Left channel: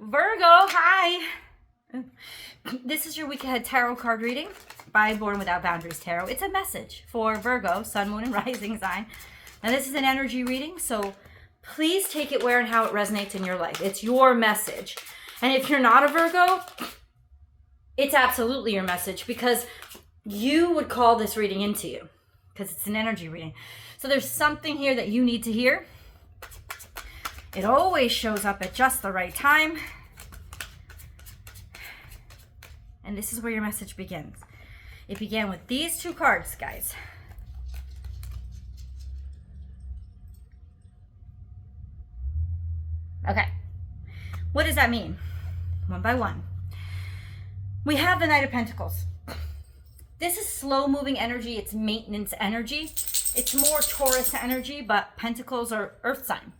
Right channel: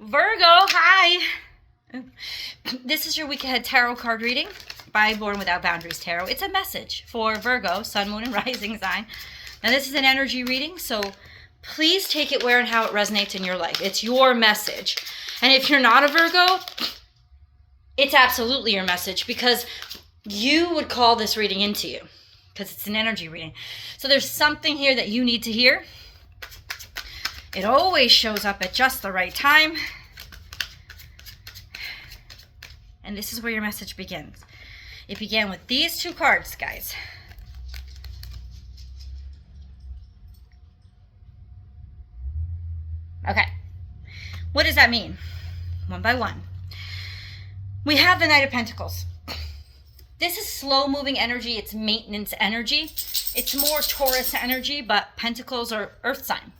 Virgo, hi. This is your week ahead tarot card reading by Born Without Boundaries Tarot. It's a message for Virgo, sun, moon, and rising sign. Now, this is an energy reading, so please take it where and how it resonates in your life. It's your message. And if you're not a Virgo, it's absolutely your message because you would call this reading into you because it's an energy reading. So there's something here that you need to hear. It always shows up at just the right time. And this is where your message begins. It began with these two cards, guys. Okay. What does that mean? One by one. We have the Knight of Pentacles. This is slow-moving energy. It's maintenance energy. It's more Taurus energy, but Pentacles are Earth sign.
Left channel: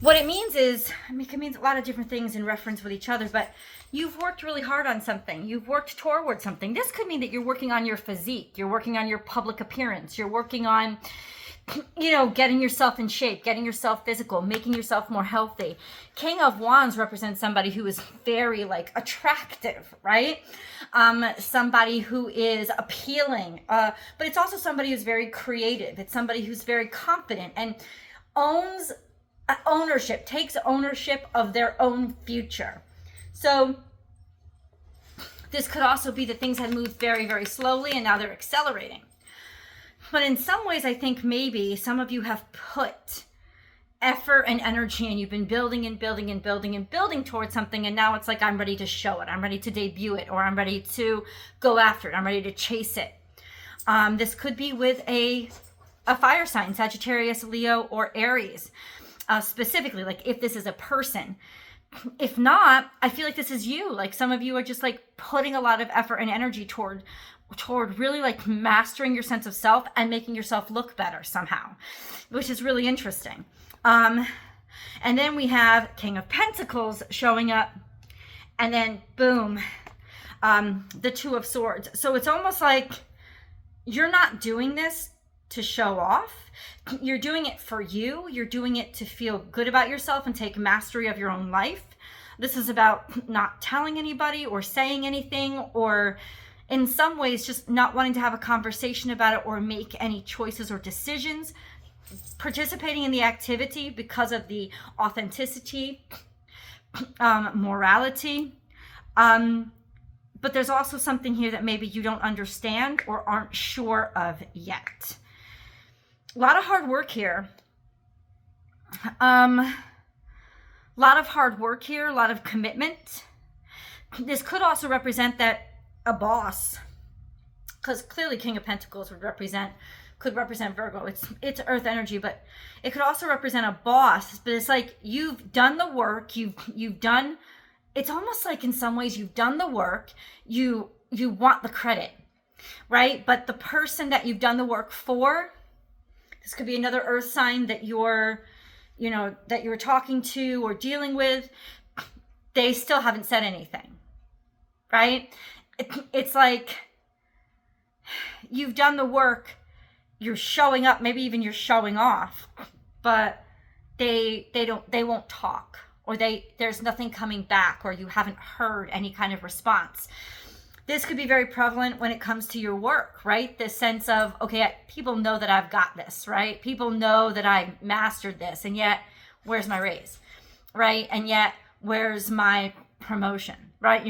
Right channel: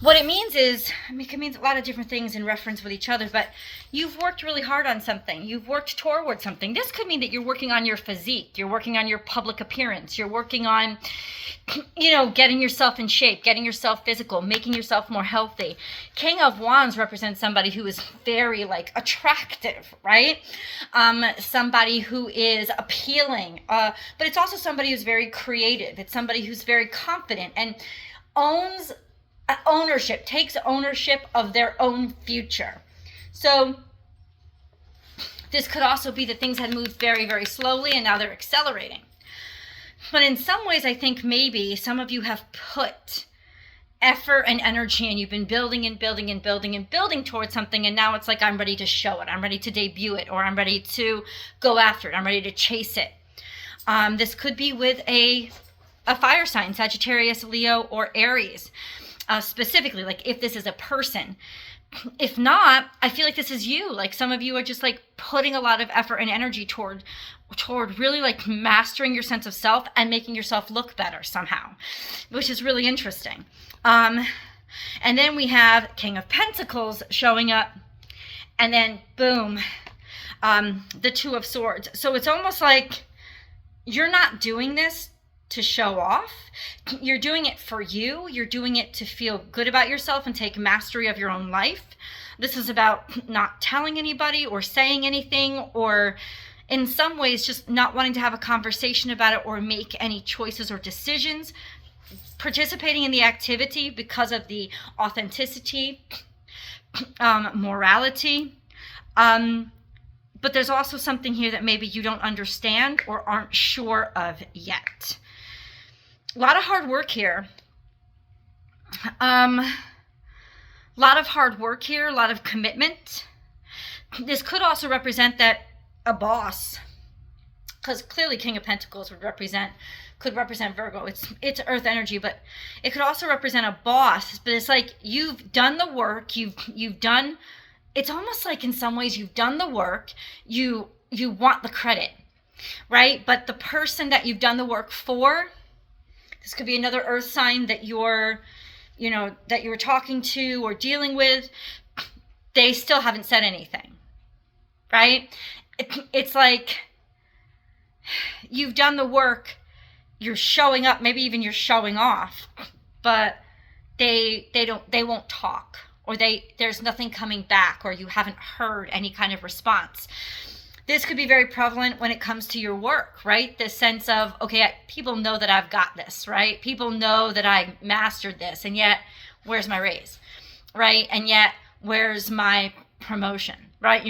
What it means is, it means a lot of different things in reference with each other, but you've worked really hard on something. You've worked toward something. This could mean that you're working on your physique. You're working on your public appearance. You're working on, getting yourself in shape, getting yourself physical, making yourself more healthy. King of Wands represents somebody who is very, attractive, right? Somebody who is appealing, but it's also somebody who's very creative. It's somebody who's very confident and takes ownership of their own future. So this could also be that things had moved very, very slowly and now they're accelerating. But in some ways, I think maybe some of you have put effort and energy and you've been building and building and building and building towards something, and now it's like, I'm ready to show it, I'm ready to debut it, or I'm ready to go after it, I'm ready to chase it. This could be with a fire sign, Sagittarius, Leo, or Aries. Specifically, if this is a person. If not, I feel like this is you. Some of you are just putting a lot of effort and energy toward really mastering your sense of self and making yourself look better somehow, which is really interesting. And then we have King of Pentacles showing up, and then boom, the Two of Swords. So it's almost like you're not doing this to show off. You're doing it for you. You're doing it to feel good about yourself and take mastery of your own life. This is about not telling anybody or saying anything, or in some ways just not wanting to have a conversation about it or make any choices or decisions. Participating in the activity because of the authenticity, morality. But there's also something here that maybe you don't understand or aren't sure of yet. A lot of hard work here. A lot of hard work here, a lot of commitment. This could also represent that a boss, because clearly King of Pentacles could represent Virgo. It's earth energy, but it could also represent a boss. But it's like you've done the work, you've done, it's almost like in some ways you've done the work, you want the credit, right? But the person that you've done the work for, this could be another earth sign that you're talking to or dealing with. They still haven't said anything, right? It's like you've done the work, you're showing up, maybe even you're showing off, but they won't talk, or there's nothing coming back, or you haven't heard any kind of response. This could be very prevalent when it comes to your work, right? This sense of, okay, people know that I've got this, right? People know that I mastered this, and yet, where's my raise, right? And yet, where's my promotion, right?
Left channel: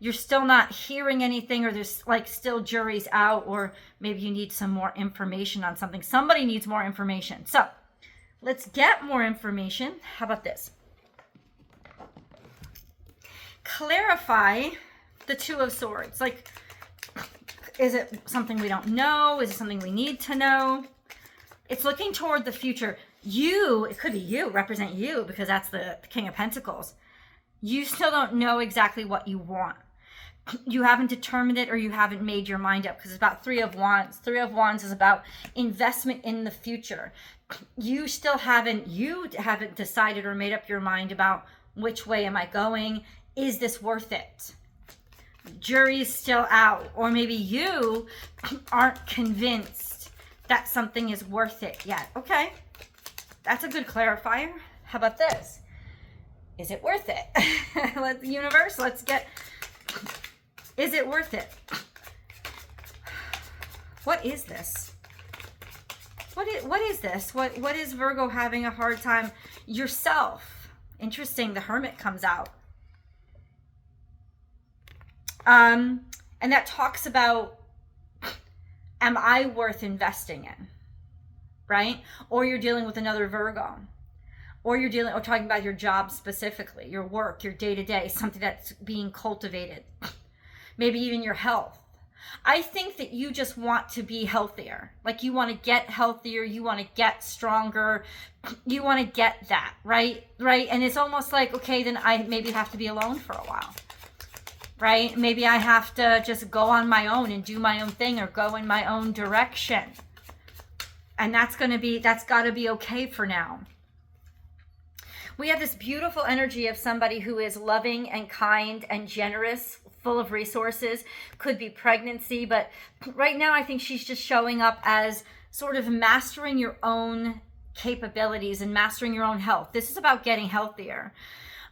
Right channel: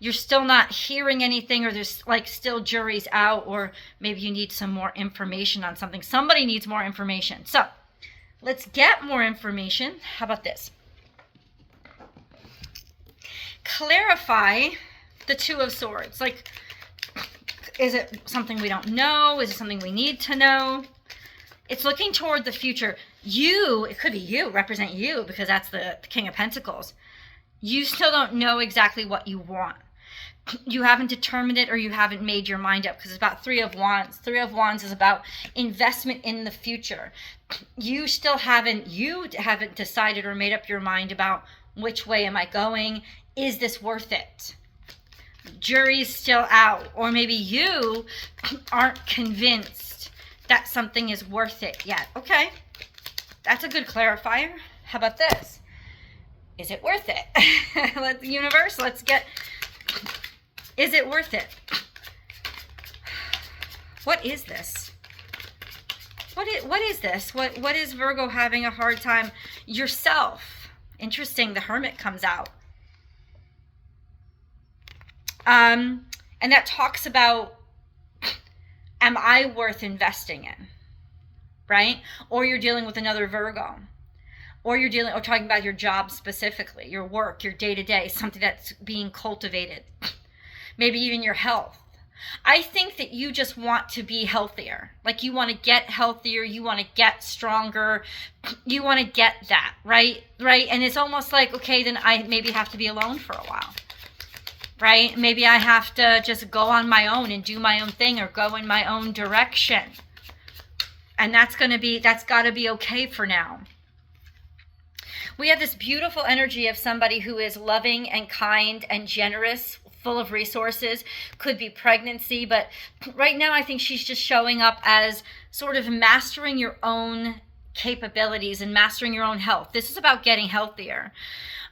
You're still not hearing anything, or there's still jury's out, or maybe you need some more information on something. Somebody needs more information. So let's get more information. How about this? Clarify the Two of Swords. Is it something we don't know? Is it something we need to know? It's looking toward the future. It could be you, represent you, because that's the King of Pentacles. You still don't know exactly what you want. You haven't determined it, or you haven't made your mind up, because it's about Three of Wands. Three of Wands is about investment in the future. You haven't decided or made up your mind about which way am I going? Is this worth it? Jury's still out, or maybe you aren't convinced that something is worth it yet. Okay, that's a good clarifier. How about this? is it worth it? Universe, is it worth it? What is this? What is this? What is Virgo having a hard time? Yourself. Interesting, the Hermit comes out. And that talks about, am I worth investing in? Right? Or you're dealing with another Virgo. Or talking about your job specifically, your work, your day-to-day, something that's being cultivated. Maybe even your health. I think that you just want to be healthier. Like you want to get healthier, you want to get stronger, you want to get that, right? And it's almost like, okay, then I maybe have to be alone for a while, right? Maybe I have to just go on my own and do my own thing or go in my own direction. And that's got to be okay for now. We have this beautiful energy of somebody who is loving and kind and generous, full of resources. Could be pregnancy, but right now I think she's just showing up as sort of mastering your own capabilities and mastering your own health. This is about getting healthier.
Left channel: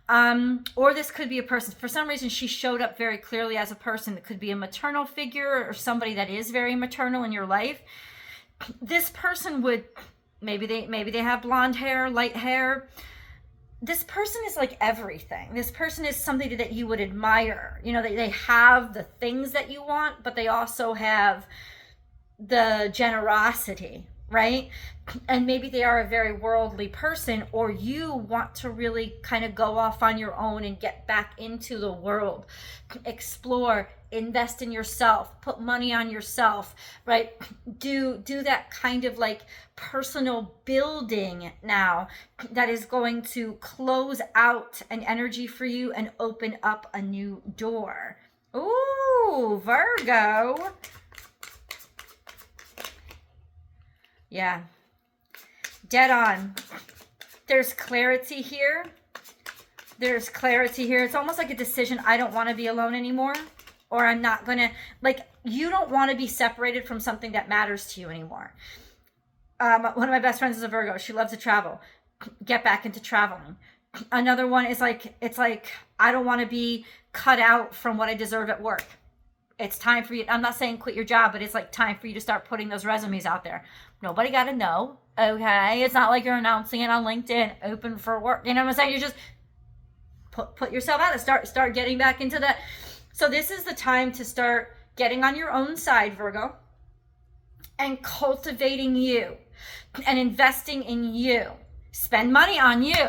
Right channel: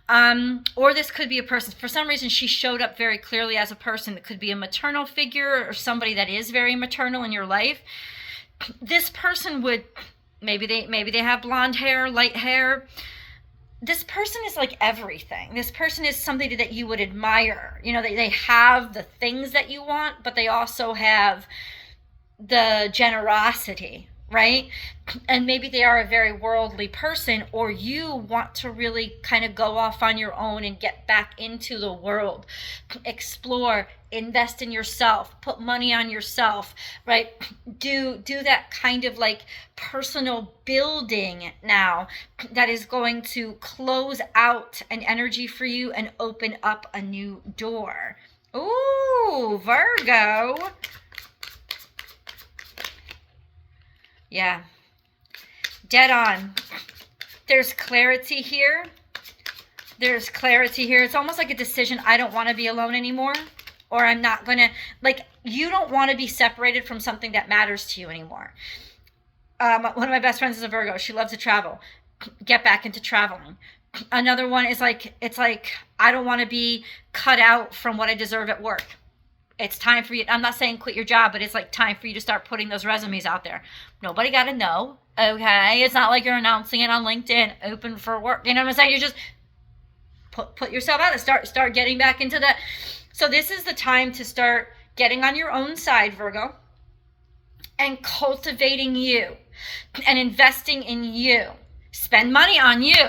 Or this could be a person. For some reason, she showed up very clearly as a person that could be a maternal figure or somebody that is very maternal in your life. This person would, maybe they have blonde hair, light hair. This person is like everything. This person is somebody that you would admire. You know, they have the things that you want, but they also have the generosity, right? And maybe they are a very worldly person, or you want to really kind of go off on your own and get back into the world, explore, invest in yourself, put money on yourself, right? Do that kind of like personal building now that is going to close out an energy for you and open up a new door. Ooh, Virgo. Yeah. Dead on. There's clarity here. There's clarity here. It's almost like a decision. I don't want to be alone anymore. Or I'm not going to, like, you don't want to be separated from something that matters to you anymore. One of my best friends is a Virgo. She loves to travel. Get back into traveling. Another one is like, it's like, I don't want to be cut out from what I deserve at work. It's time for you. I'm not saying quit your job, but it's like time for you to start putting those resumes out there. Nobody got to know. Okay. It's not like you're announcing it on LinkedIn, open for work. You know what I'm saying? You just put yourself out and start getting back into that. So this is the time to start getting on your own side, Virgo, and cultivating you and investing in you. Spend money on you,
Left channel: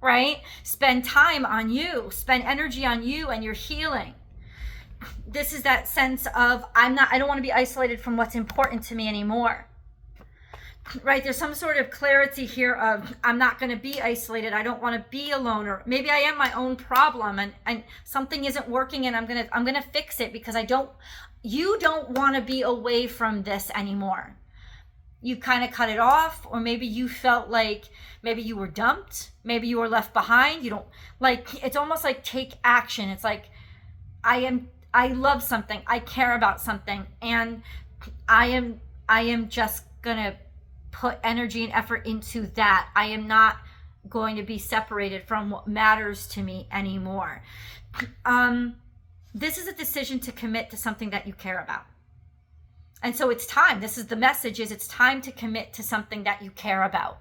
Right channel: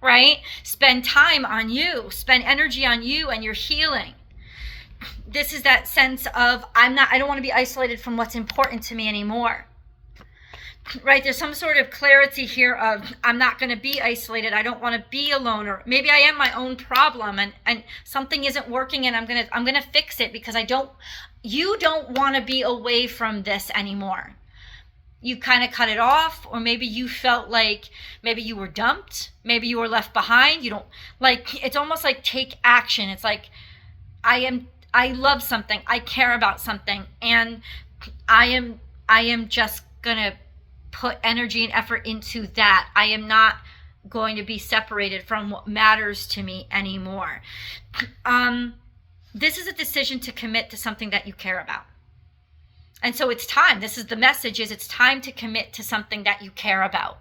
right? Spend time on you. Spend energy on you and your healing. This is that sense of I don't want to be isolated from what's important to me anymore. Right? There's some sort of clarity here of I'm not going to be isolated. I don't want to be alone, or maybe I am my own problem and something isn't working and I'm going to fix it because you don't want to be away from this anymore. You kind of cut it off, or maybe you felt like maybe you were dumped, maybe you were left behind. You don't like, it's almost like take action. It's like I love something, I care about something, and I am just going to put energy and effort into that. I am not going to be separated from what matters to me anymore. This is a decision to commit to something that you care about. And so it's time. This is the message, is it's time to commit to something that you care about.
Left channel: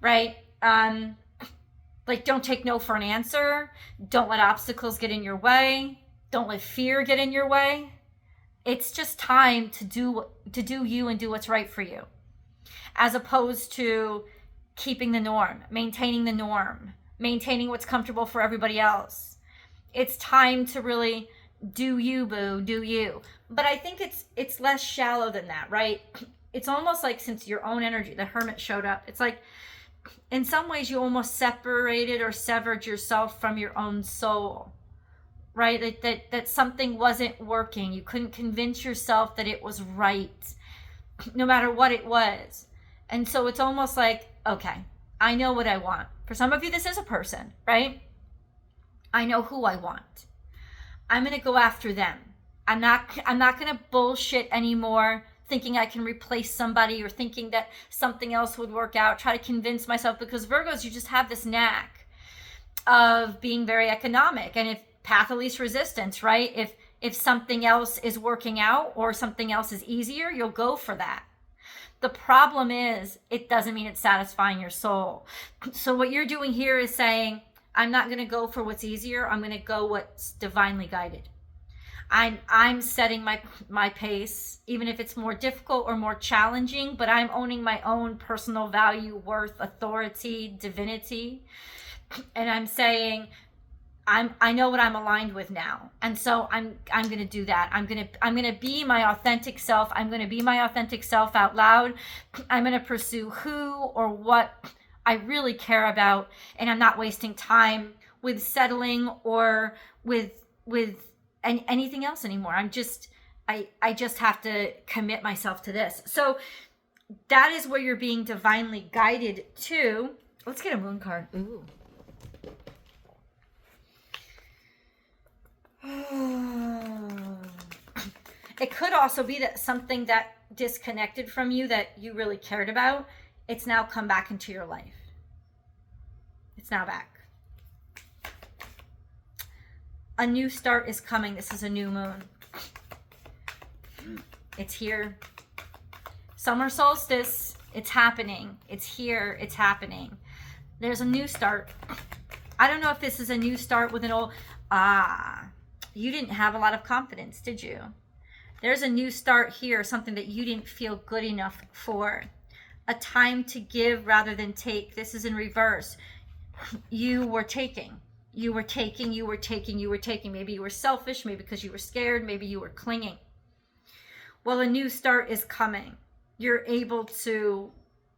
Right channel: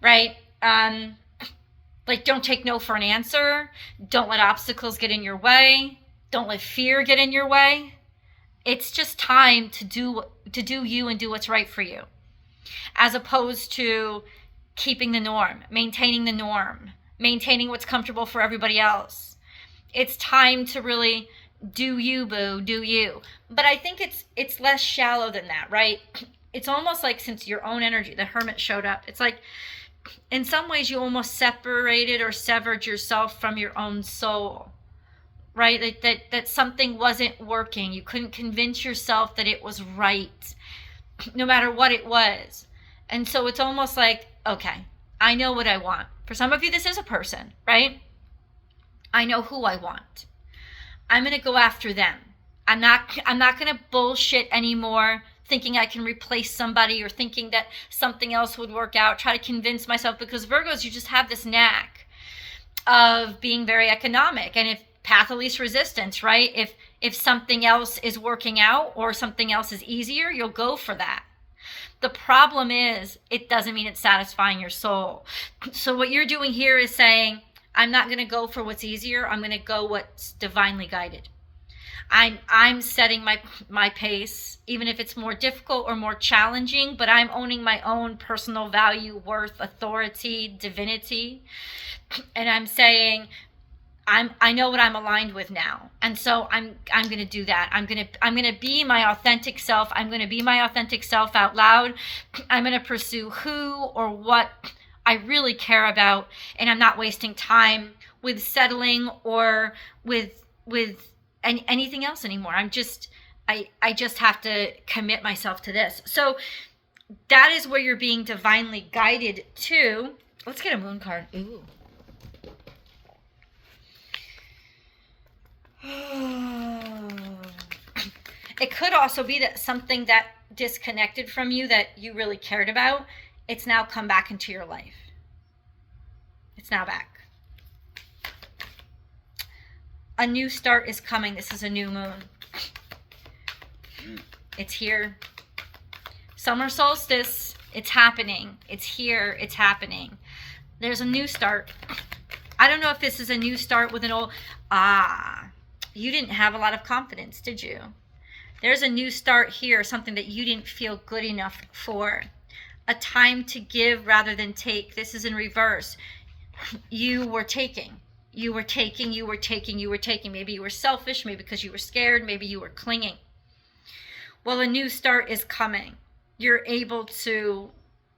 Right? Like, don't take no for an answer. Don't let obstacles get in your way. Don't let fear get in your way. It's just time to do you and do what's right for you, as opposed to keeping the norm, maintaining what's comfortable for everybody else. It's time to really do you, boo, do you. But I think it's less shallow than that, right? It's almost like, since your own energy, the Hermit showed up, it's like in some ways you almost separated or severed yourself from your own soul. Right? That something wasn't working. You couldn't convince yourself that it was right, no matter what it was. And so it's almost like, okay, I know what I want. For some of you, this is a person, right? I know who I want. I'm going to go after them. I'm not going to bullshit anymore, thinking I can replace somebody or thinking that something else would work out, try to convince myself, because Virgos, you just have this knack of being very economic, and if path of least resistance, right? If something else is working out or something else is easier, you'll go for that. The problem is, it doesn't mean it's satisfying your soul. So what you're doing here is saying, I'm not going to go for what's easier. I'm going to go what's divinely guided. I'm setting my pace, even if it's more difficult or more challenging, but I'm owning my own personal value, worth, authority, divinity. And I'm saying, I know what I'm aligned with now. And so I'm going to do that. I'm going to be my authentic self. I'm going to be my authentic self out loud. I'm going to pursue who or what I really care about, and I'm not wasting time with settling or with anything else anymore. I just have to commit myself to this. So that is where you're being divinely guided to. Let's get a moon card. Ooh. It could also be that something that disconnected from you that you really cared about, it's now come back into your life. It's now back. A new start is coming. This is a new moon. It's here. Summer solstice. It's happening. It's here. It's happening. There's a new start. I don't know if this is a new start with an old... you didn't have a lot of confidence, did you? There's a new start here, something that you didn't feel good enough for. A time to give rather than take. This is in reverse. You were taking. You were taking, you were taking, you were taking. Maybe you were selfish, maybe because you were scared, maybe you were clinging. Well, a new start is coming. You're able to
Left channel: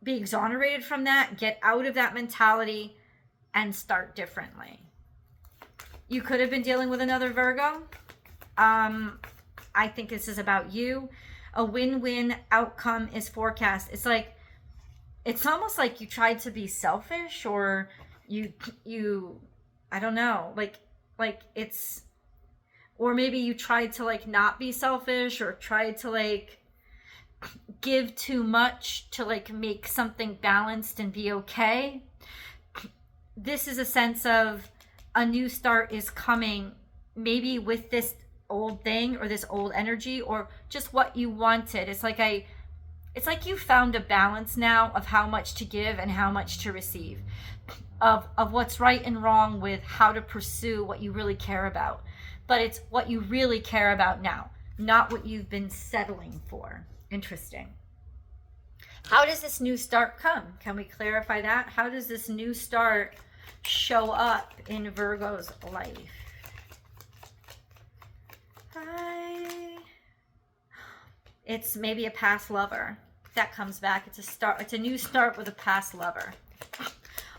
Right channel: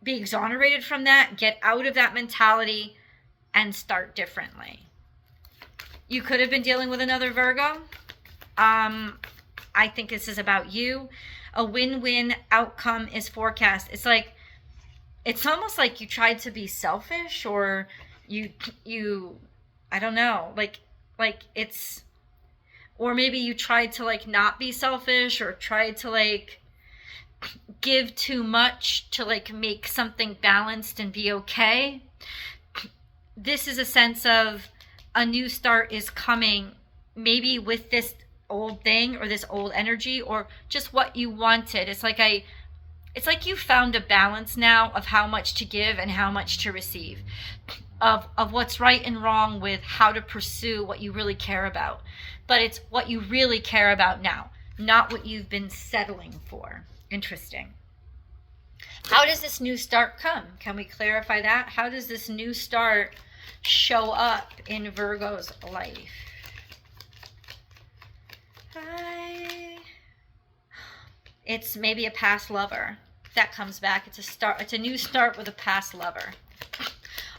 be exonerated from that, get out of that mentality, and start differently. You could have been dealing with another Virgo. I think this is about you. A win-win outcome is forecast. It's almost like you tried to be selfish, or you I don't know, like it's, or maybe you tried to like not be selfish, or tried to like give too much to like make something balanced and be okay. This is a sense of a new start is coming, maybe with this old thing or this old energy or just what you wanted. It's like you found a balance now of how much to give and how much to receive, of what's right and wrong with how to pursue what you really care about. But it's what you really care about now, not what you've been settling for. Interesting. How does this new start come? Can we clarify that? How does this new start show up in Virgo's life? It's maybe a past lover that comes back. It's a start. It's a new start with a past lover,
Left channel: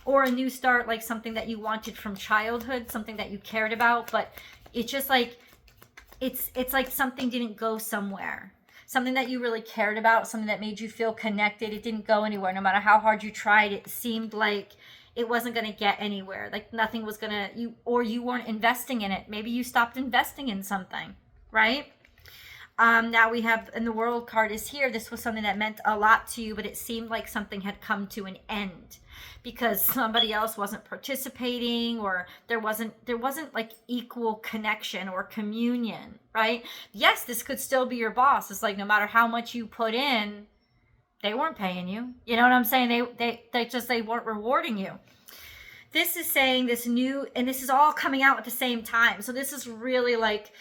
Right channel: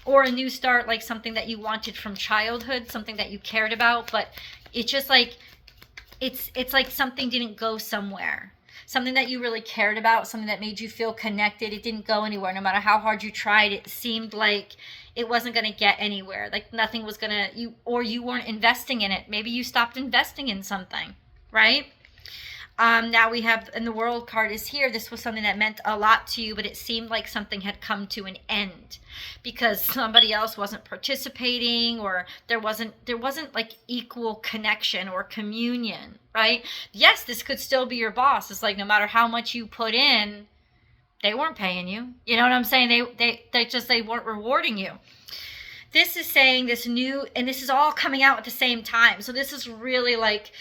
or a new start, like something that you wanted from childhood, something that you cared about, but it's just like it's like something didn't go somewhere. Something that you really cared about, something that made you feel connected. It didn't go anywhere. No matter how hard you tried, it seemed like it wasn't going to get anywhere. Like nothing was going to, you weren't investing in it. Maybe you stopped investing in something, right? Now we have, and the World card is here. This was something that meant a lot to you, but it seemed like something had come to an end because somebody else wasn't participating, or there wasn't like equal connection or communion, right? Yes, this could still be your boss. It's like no matter how much you put in, they weren't paying you. You know what I'm saying? They weren't rewarding you. This is saying this new, and this is all coming out at the same time. So this is really like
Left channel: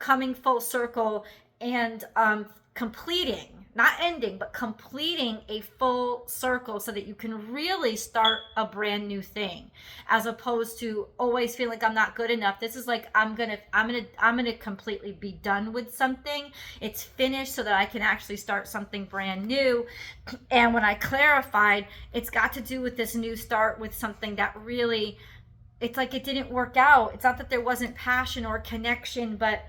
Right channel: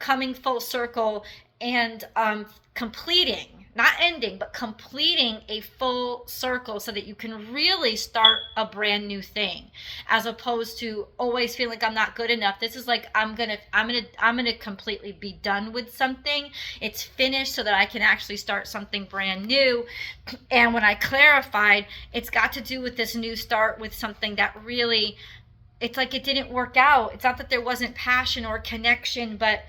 coming full circle and completing, not ending, but completing a full circle so that you can really start a brand new thing, as opposed to always feeling like I'm not good enough. This is like I'm gonna completely be done with something. It's finished so that I can actually start something brand new. And when I clarified, it's got to do with this new start with something that really, it's like it didn't work out. It's not that there wasn't passion or connection, but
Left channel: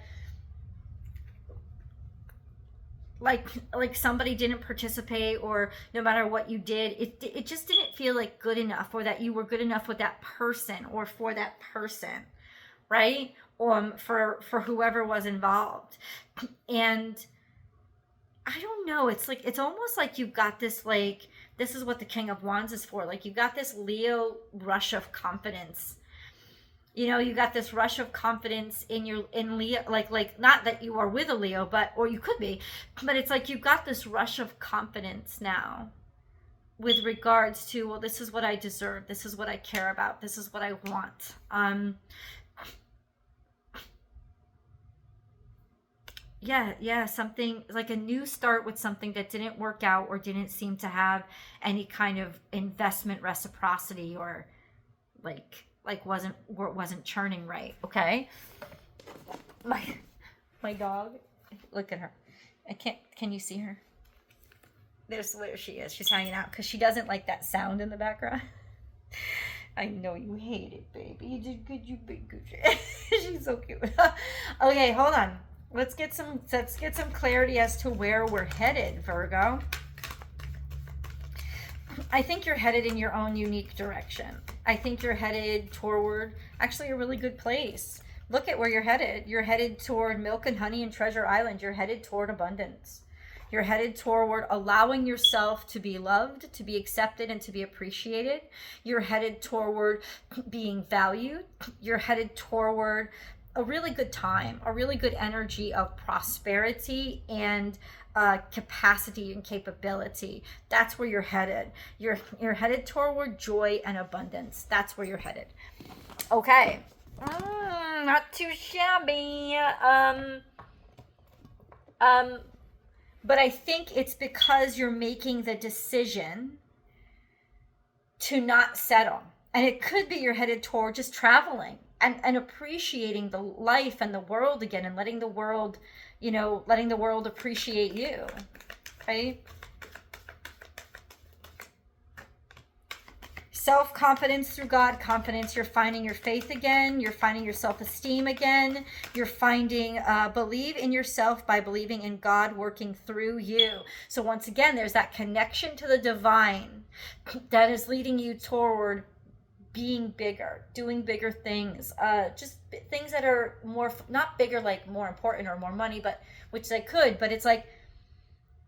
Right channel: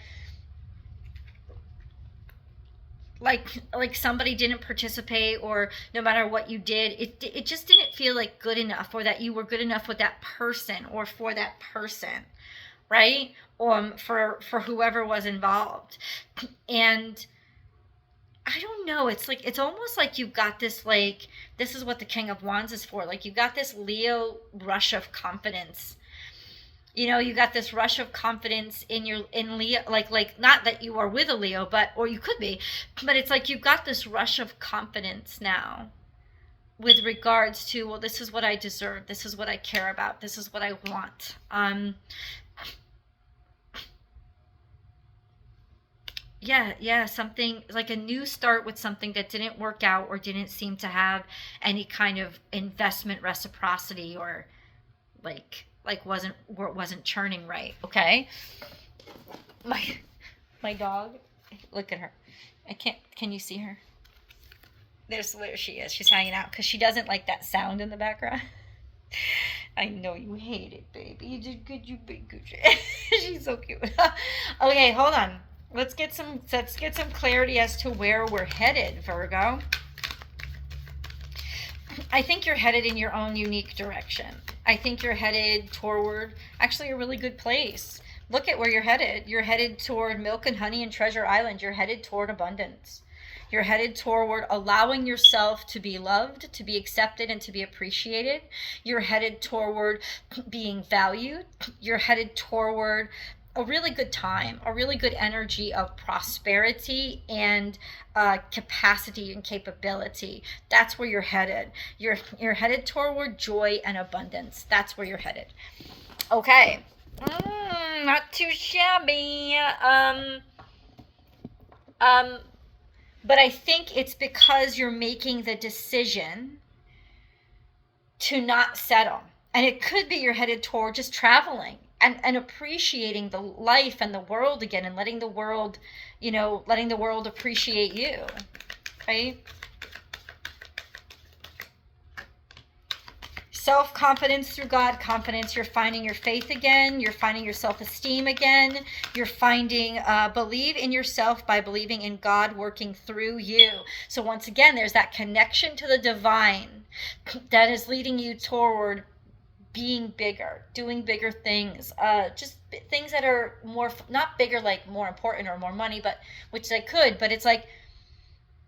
like somebody didn't participate, or no matter what you did, it just didn't feel like good enough, or that you were good enough with that person or for that person, right? For whoever was involved. And I don't know, it's almost like you've got this, like, this is what the King of Wands is for. Like you've got this Leo rush of confidence, You know, you got this rush of confidence in Leo, like not that you are with a Leo, but or you could be, but it's like you've got this rush of confidence now with regards to, well, this is what I deserve, this is what I care about, this is what I want. Yeah, something like a new start with something that didn't work out or didn't seem to have any kind of investment reciprocity, or like wasn't churning right. Okay. My dog, look at her. I can't, can you see her? There's where she is. She's hanging out because she doesn't like that sound in the background. I know you hate it, baby. You did good, you big good. She's so cute. Okay, hold on. Let's get some clarity as to where we're headed, Virgo. I think you're headed in your own unique direction. I think you're headed toward actually a really good place. Look at where you're headed. You're headed toward milk and honey and Treasure Island. You're headed toward abundance. You're headed toward allowing yourself to be loved, to be accepted, and to be appreciated. You're headed toward being valued. You're headed toward a really good time, a really good energy of prosperity and capacity and capability. That's where you're headed. You're headed toward joy and abundance. That's where you're headed. Okay. Not too shabby. But I think it's because you're making the decision to not settle. And it could be you're headed toward just traveling and appreciating the life and the world again, and letting the world, letting the world appreciate you. Right? Self-confidence through God confidence. You're finding your faith again. You're finding your self-esteem again. You're finding believe in yourself by believing in God working through you. So once again, there's that connection to the divine that is leading you toward being bigger, doing bigger things, just things that are more, not bigger like more important or more money, but which they could, but it's like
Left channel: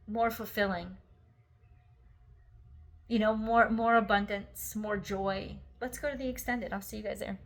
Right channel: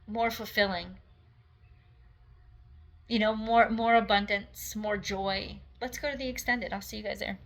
more fulfilling. More abundance, more joy. Let's go to the extended. I'll see you guys there.